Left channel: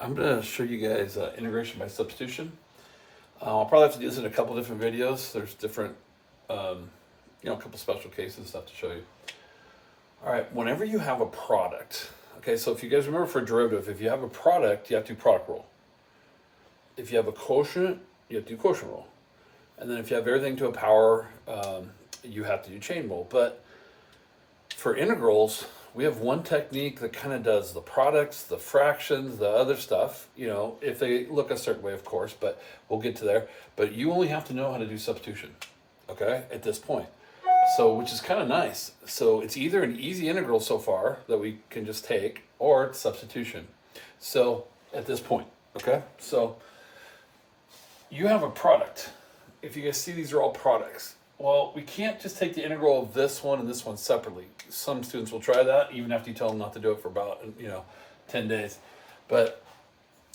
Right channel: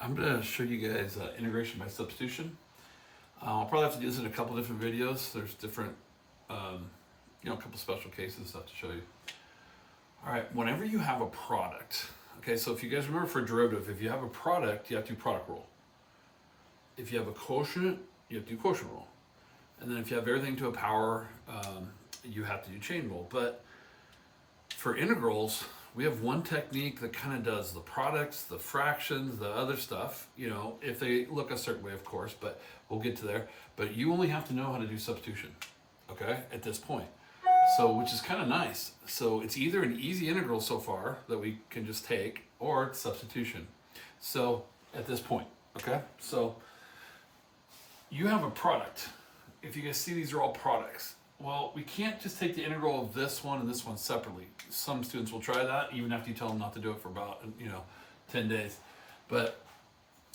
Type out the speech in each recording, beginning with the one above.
I'm going to show you guys integration by substitution. I'll probably have to do this in a couple different videos. There's different, a couple special cases I have to show you. All right, whenever you have a product, okay, so if you guys remember for a derivative, if you have a product, you have to do product rule. If you have a quotient, you have to do quotient rule. And then if you have everything to a power, you have to do chain rule. But for integrals, we have one technique that kind of does the products, the fractions, the other stuff, if they look a certain way, of course, but we'll get to there. But you only have to know how to do substitution, okay, at this point. So, which is kind of nice. So it's either an easy integral so far that we can just take, or it's substitution. So at this point, okay, so you have a product. If you guys see, these are all products. Well, we can't just take the integral of this one and this one separately. Some students will try that, even after you tell them not to do it for about, 10 days. But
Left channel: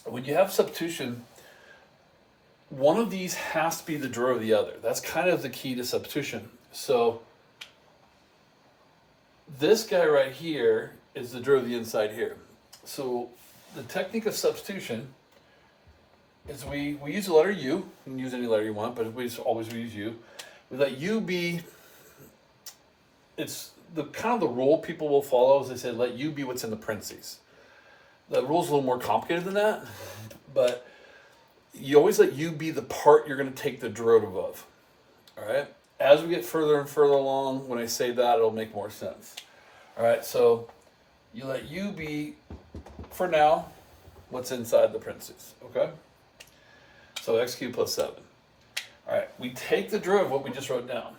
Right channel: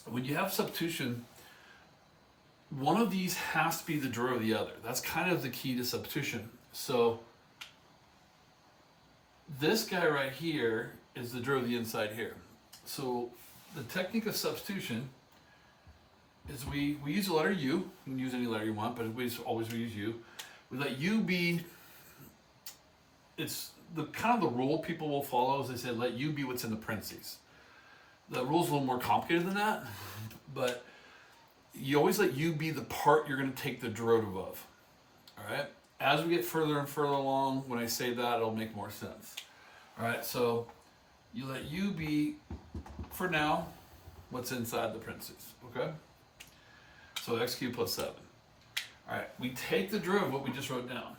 when you have substitution, one of these has to be the derivative of the other. That's kind of the key to substitution. So this guy right here is the derivative of the inside here. So the technique of substitution is we use the letter u. You can use any letter you want, but we always use u. We let u be, it's the kind of the rule people will follow is they say let u be what's in the parentheses. The rule's a little more complicated than that, but you always let u be the part you're going to take the derivative of. All right. As we get further and further along, when I say that, it'll make more sense. All right. So you let u be, for now, what's inside the parentheses. Okay. So x cubed plus 7. All right. We take the derivative of what we just wrote down.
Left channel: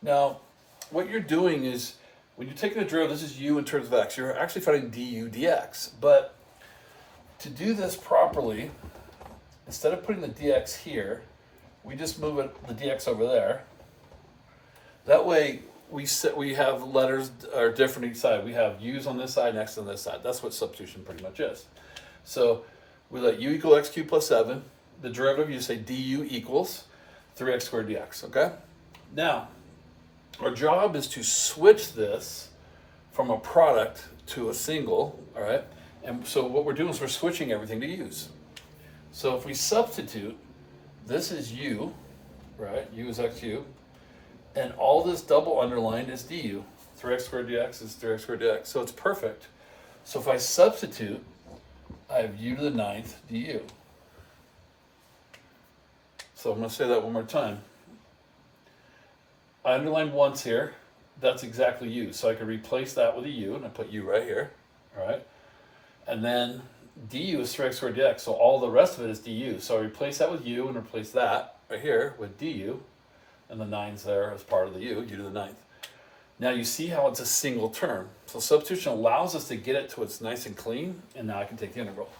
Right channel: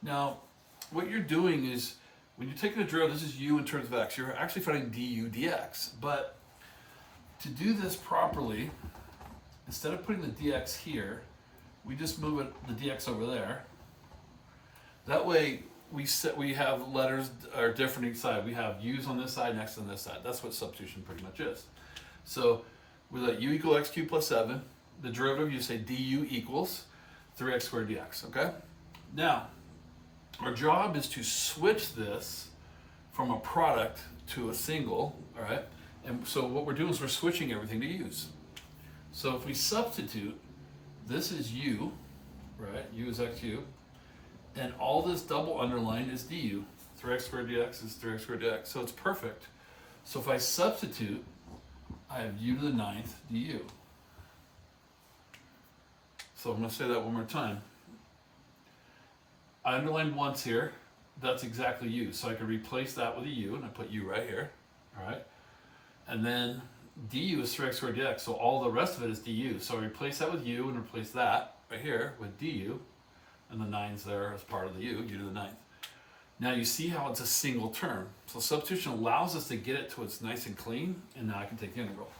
Now, what you're doing is when you're taking a derivative, this is u in terms of x. You're actually finding du dx. But to do this properly, instead of putting the dx here, we just move the dx over there. That way, we have letters are different each side. We have u's on this side and x on this side. That's what substitution pretty much is. So we let u equal x cubed plus 7. The derivative, you say du equals 3x squared dx, okay? Now, our job is to switch this from a product to a single, all right? And so what we're doing is we're switching everything to u's. So if we substitute, this is u, right? U is x cubed. And all this double underlined is du. 3x squared dx is 3x squared dx. So it's perfect. So if I substitute, I have u to the 9th du. So I'm going to say that one more time. I underlined once here. That's exactly u. So I can replace that with a u, and I put u right here. All right. And then du is 3x squared dx. So all the rest of it is du. So I replace that with u and replace that right here with du. And the 9's there as part of the u to the 9th. Now you see how it's a single term. So substitution allows us to get it to it's nice and clean, and now I can take the integral.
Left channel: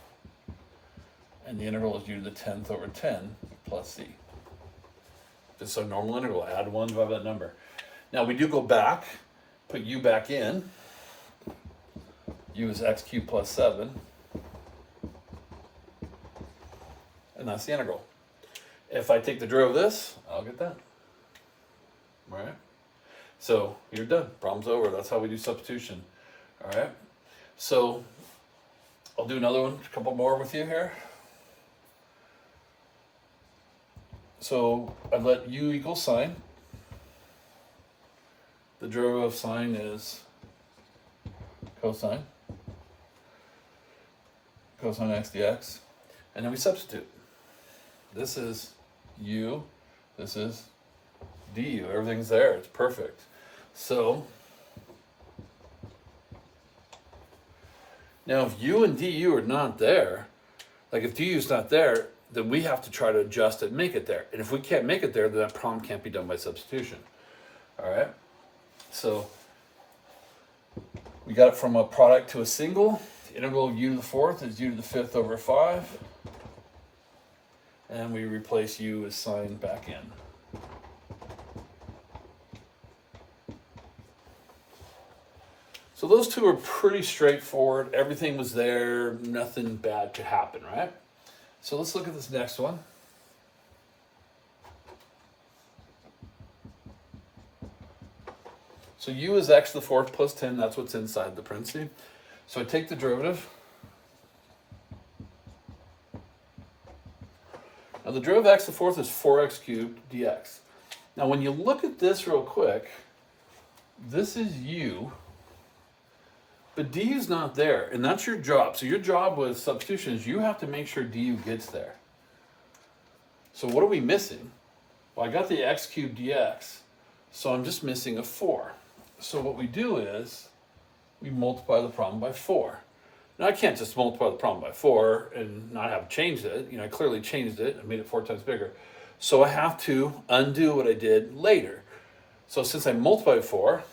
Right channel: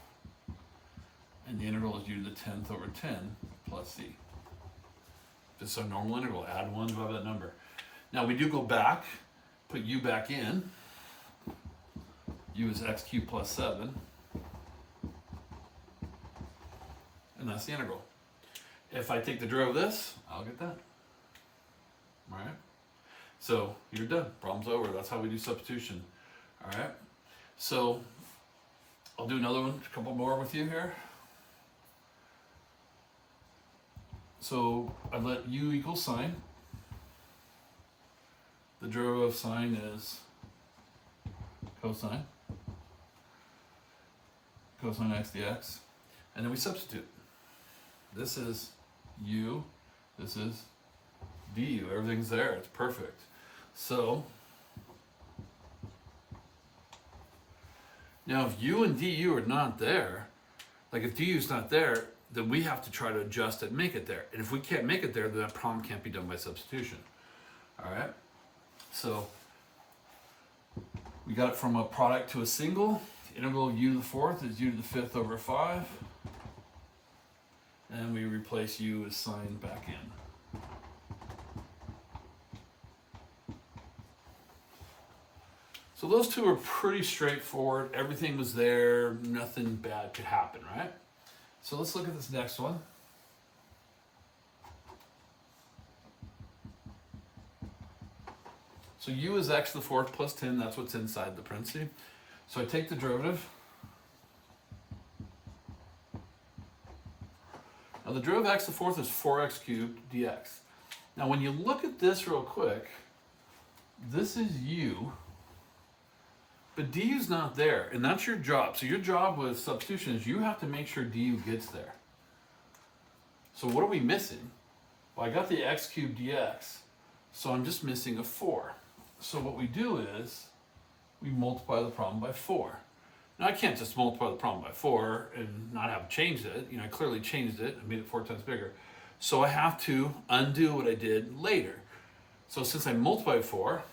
And the integral is u to the 10th over 10 plus c. This is a normal integral. Add 1 divided by that number. Now we do go back, put u back in. U is x cubed plus 7. And that's the integral. If I take the derivative of this, I'll get that. All right? So you're done. Problem's over. That's how we do substitution. All right? So I'll do another one, a couple more with you here. So I let u equal sine. The derivative of sine is cosine. Cosine x dx. And then we substitute. This is u. This is du. Everything's there. It's perfect. So now if u and du are not there, like if du is not there, then we have to try to adjust it and make it there. And if we can't make it there, then that problem can't be done by substitution. All right? So we got it from a product to a single. The integral of u to the 4th is u to the 5th over 5. And we replace u as sine back in. So those two are pretty straightforward. Everything was there. Nothing bad could happen, right? So let's look at this next one. So u is x to the 4th plus 10. That's what's inside the parenthesis. So I take the derivative. Now the derivative of x to the fourth is 4x cubed dx. Now when you look at this real quick, this is u, but du is not there, and that's your job. So your job with substitution is you have to make sure du gets there. So what are we missing? Well, I got the x cubed dx, so I'm just missing a 4. So what we do is we multiply the problem by 4. Now I can't just multiply the problem by 4 and not have changed it. I clearly changed it. I made it 4 times bigger. So I have to undo what I did later. So since I multiplied 4,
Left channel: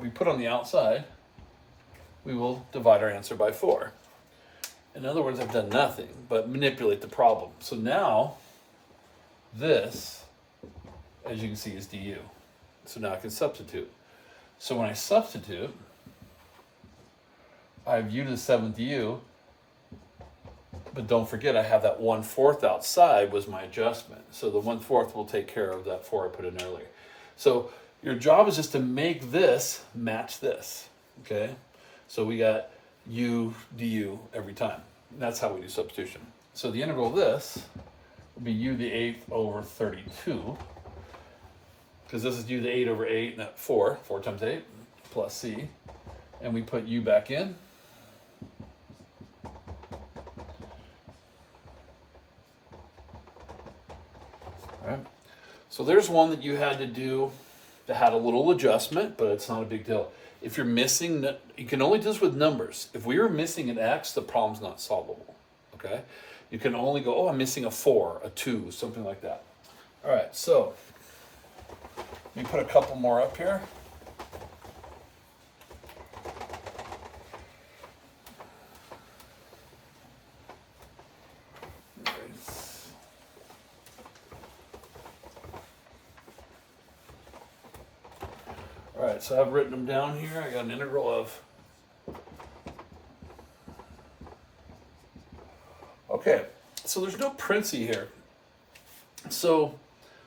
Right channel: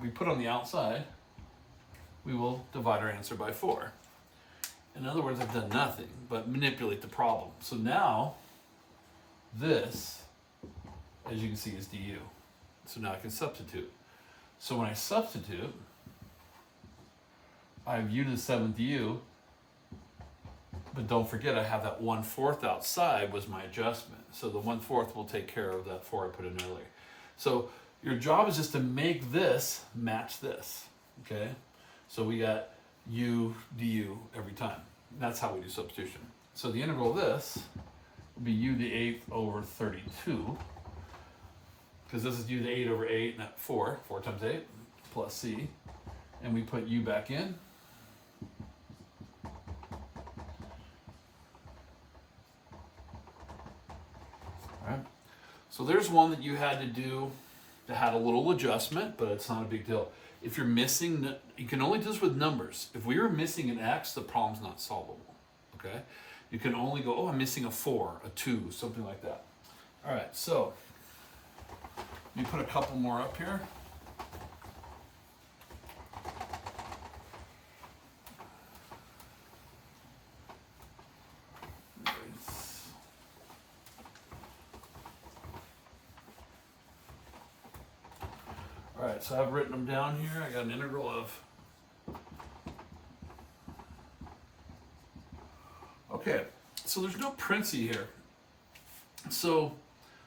we put on the outside, we will divide our answer by 4. In other words, I've done nothing but manipulate the problem. So now this, as you can see, is du. So now I can substitute. So when I substitute, I have u to the 7th u, but don't forget I have that 1/4 outside was my adjustment. So the 1/4 will take care of that 4 I put in earlier. So your job is just to make this match this, okay? So we got u du every time. That's how we do substitution. So the integral of this would be u to the 8th over 32, because this is u to the 8 over 8, and that 4 times 8, plus c, and we put u back in. All right. So there's one that you had to do that had a little adjustment, but it's not a big deal. If you're missing, you can only do this with numbers. If we were missing an x, the problem's not solvable, okay? You can only go, oh, I'm missing a 4, a 2, something like that. All right, so let me put a couple more up here. All right, so I've written them down here. I got an integral of, okay, so there's no parenthesis here. So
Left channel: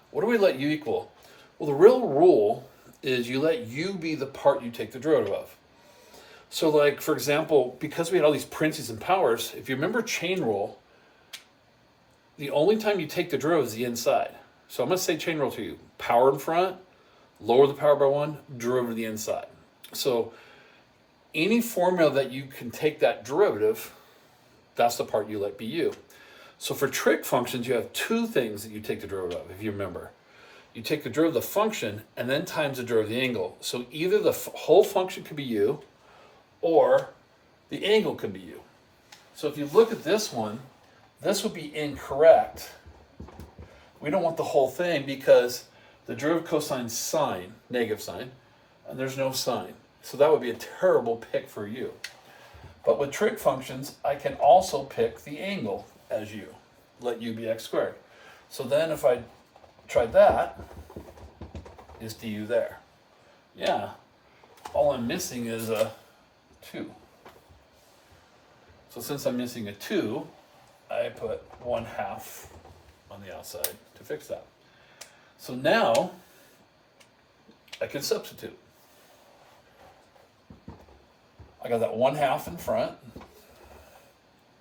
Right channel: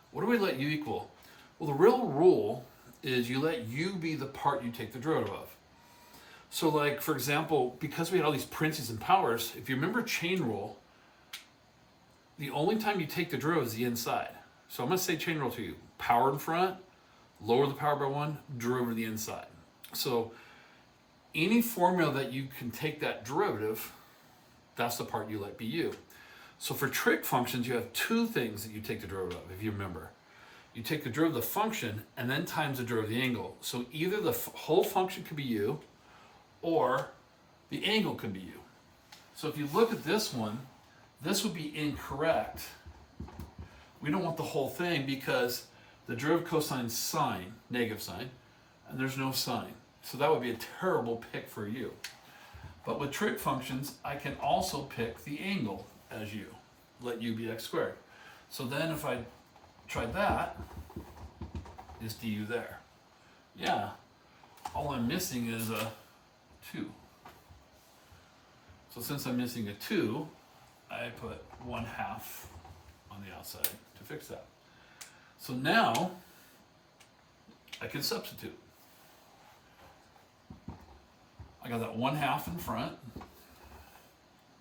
what do we let u equal? Well, the real rule is you let u be the part you take the derivative of. So like, for example, because we had all these parentheses and powers, if you remember chain rule, the only time you take the derivative is the inside. So I'm going to say chain rule to you. Power in front, lower the power by 1, derivative of the inside. So any formula that you can take that derivative, that's the part you let be u. So for trig functions, you have two things that you take the derivative of, if you remember. You take the derivative of the function and then times the derivative of the angle. So either the whole function could be u or the angle could be u. So if you look at this one, this would be incorrect. We don't want the whole thing because the derivative cosine sine, negative sign, and there's no sine. So that would be a terrible pick for u. But with trig functions, I can also pick the angle as u. Let u be x squared. So then if I tried that, is du there? Yeah. All I'm missing is a 2. So since I'm missing a 2, I put 1/2 on the outside to fix that. So now I can substitute. I got that 1/2 in front.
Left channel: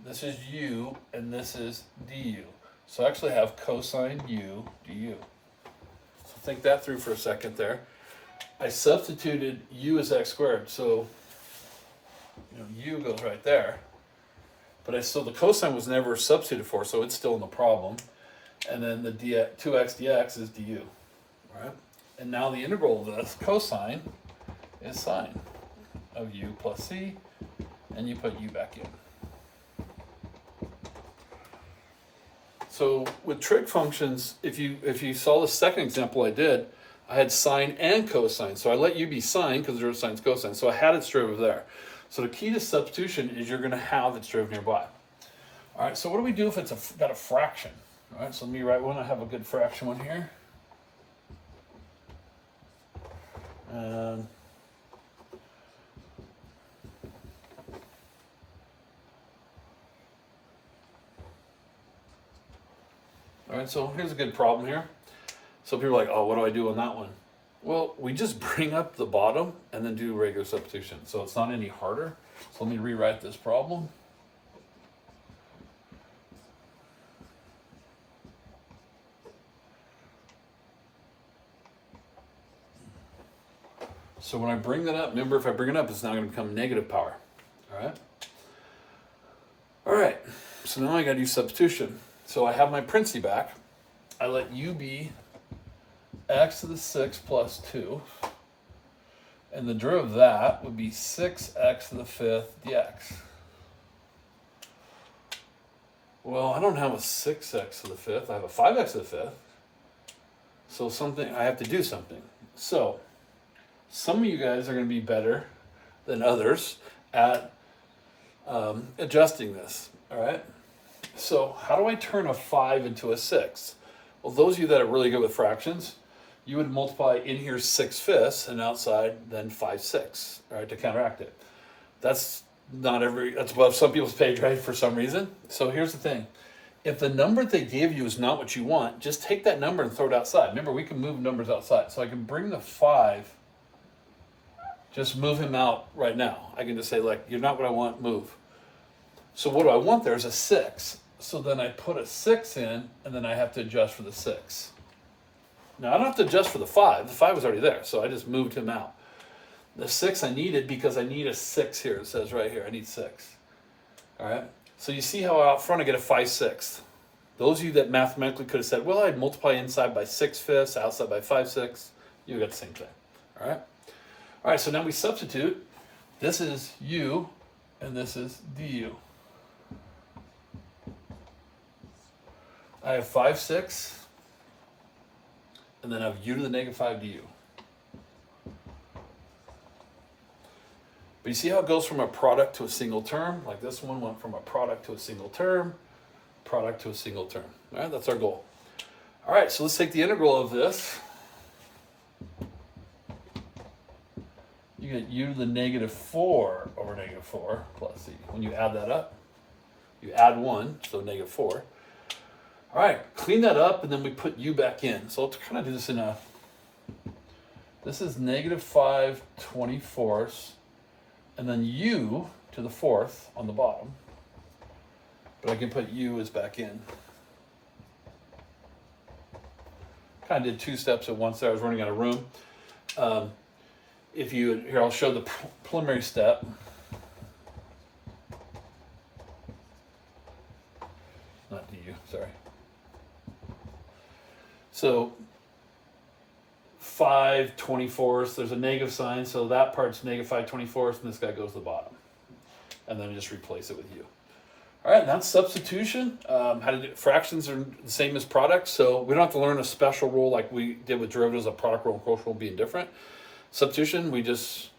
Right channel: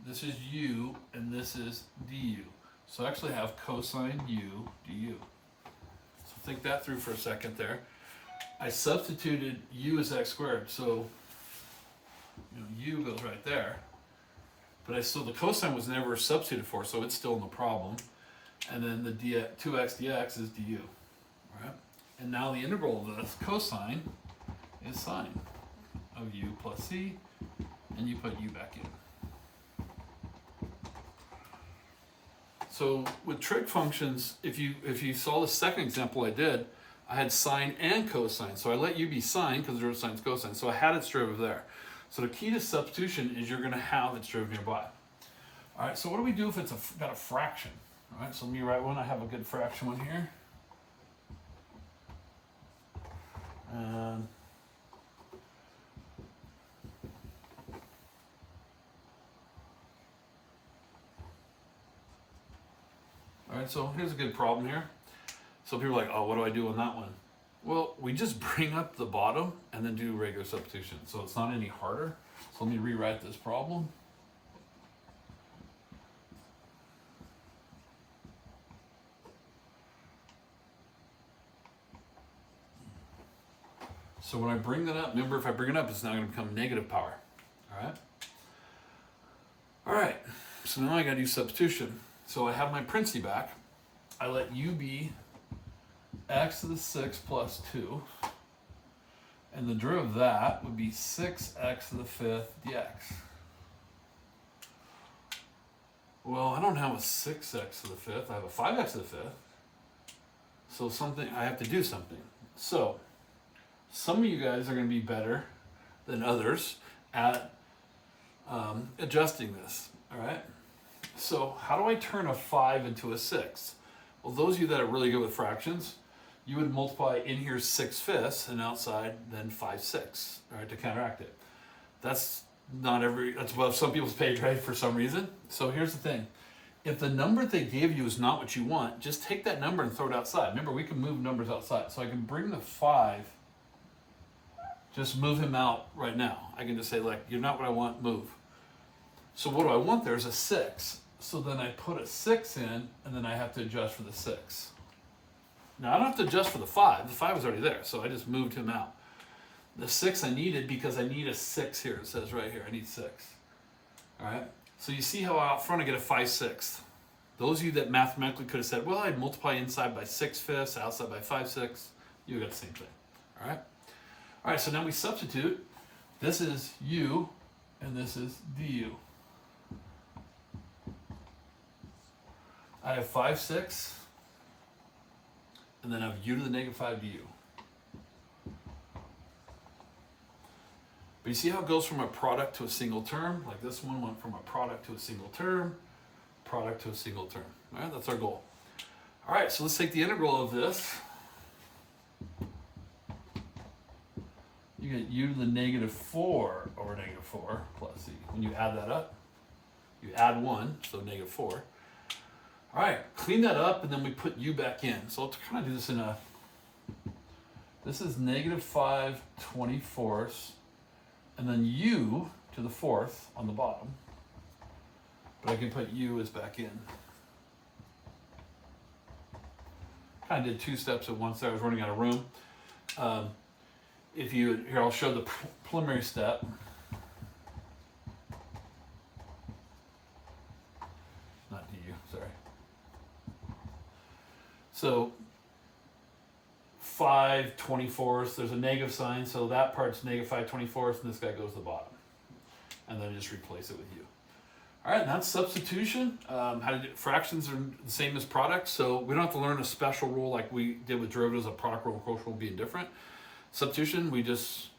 This is u and this is du. So I actually have cosine u du. So think that through for a second there. I substituted u as x squared, so u goes right there. But so the cosine was never substituted for, so it's still in the problem. And then the 2x dx is du, right? And now the integral of this cosine is sine of u plus c, and you put u back in. So with trig functions, if you saw the second example I did, I had sine and cosine. So I let u be sine because the derivative sine's cosine. So I had its derivative there. So the key to substitution is you're going to have its derivative nearby. All right, so what do we do if it's got a fraction? All right, so let me write one. I have a good fraction one here. And all right, so here's a good problem here. So people are like, oh, what do I do on that one? Well, we just bring up the bottom and then do regular substitution. So it's not any harder. So let me rewrite this problem. So when I bring that up, remember if I bring it up, it's now going to become negative power. All right. All right. So now I got to use substitution. So I have my princi back. I let u be x to the 6 plus 2. And the derivative of that would be 6x to the 5th dx. Well, I don't have a 6x to the 5th. I have a 5x to the 5th. So I have to do something. So some of you guys are going to be better than others at adjusting this. All right. So how do I turn a 5 into a 6? Well, those of you that are really good with fractions, you would multiply in here 6/5 and outside then 5/6, all right, to counteract it. That's above some people's page, right, for some reason. So here's the thing. If the number they gave you is not what you want, just take that number and throw it outside. Remember, we can move numbers outside. So I can bring the 5, just move him out right now. I can just say, like, you're not what I want, move. So what do I want there is a 6. So then I put a 6 in, and then I have to adjust for the 6. Now, I don't have to adjust for the 5. The 5 was already there, so I just moved him out. The 6 I needed because I need a 6 here. It says right here, I need 6. All right? So you see how out front I get a 5/6. Those of you that mathematically could have said, well, I'd multiply inside by 6/5, outside by 5/6, you got the same thing. All right? All right, so now we substitute. This is u, and this is du. I have 5/6. And then I have u to the negative 5 du. But you see how it goes from a product to a single term? Like this one went from a product to a single term, product to a single term. All right, that's our goal. All right, so let's take the integral of this. You get u to the negative 4 over negative 4 plus c. When you add that up, you add 1, so negative 4. All right, clean that up, and then we put u back in. So let's kind of do this in a, this is negative 5/24, and then u to the 4th on the bottom. But I can put u as back in. Kind of did 2 steps at once there. I was running out of room. Here, I'll show the preliminary step. Not du, sorry. So 5/24, there's a negative sign, so that part's negative 5/24, and this guy goes to the bottom. And then just replace it with u. All right, that's substitution. How to do fractions are the same as products, so we don't have to learn a special rule like we did with derivatives, a product rule and quotient rule being different. Substitution, we just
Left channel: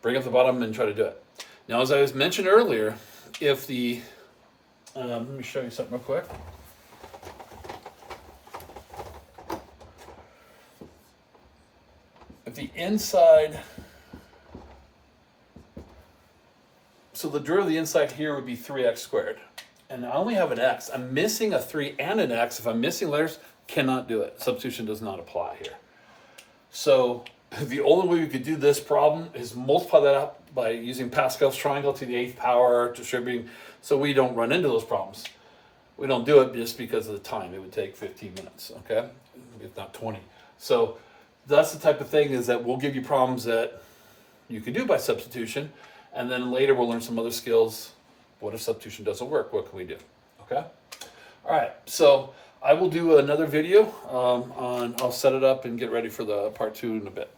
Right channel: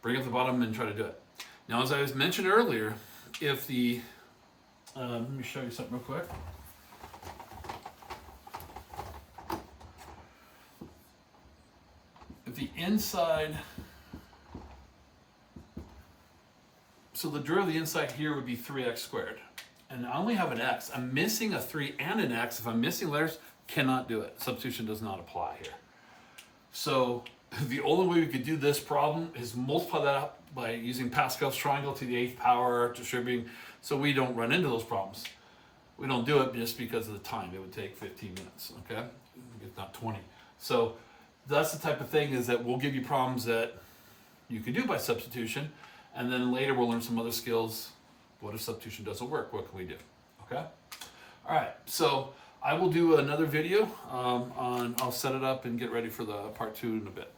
bring up the bottom and try to do it. Now, as I was mentioned earlier, if the, let me show you something real quick. If the inside, so the derivative of the inside here would be 3x squared. And I only have an x. I'm missing a 3 and an x. If I'm missing letters, cannot do it. Substitution does not apply here. So the only way we could do this problem is multiply that up by using Pascal's triangle to the 8th power, distributing, so we don't run into those problems. We don't do it just because of the time. It would take 15 minutes, okay? If not 20. So that's the type of thing is that we'll give you problems that you can do by substitution, and then later we'll learn some other skills. What if substitution doesn't work? What can we do? Okay? All right, so I will do another video I'll set it up and get ready for the part 2 in a bit.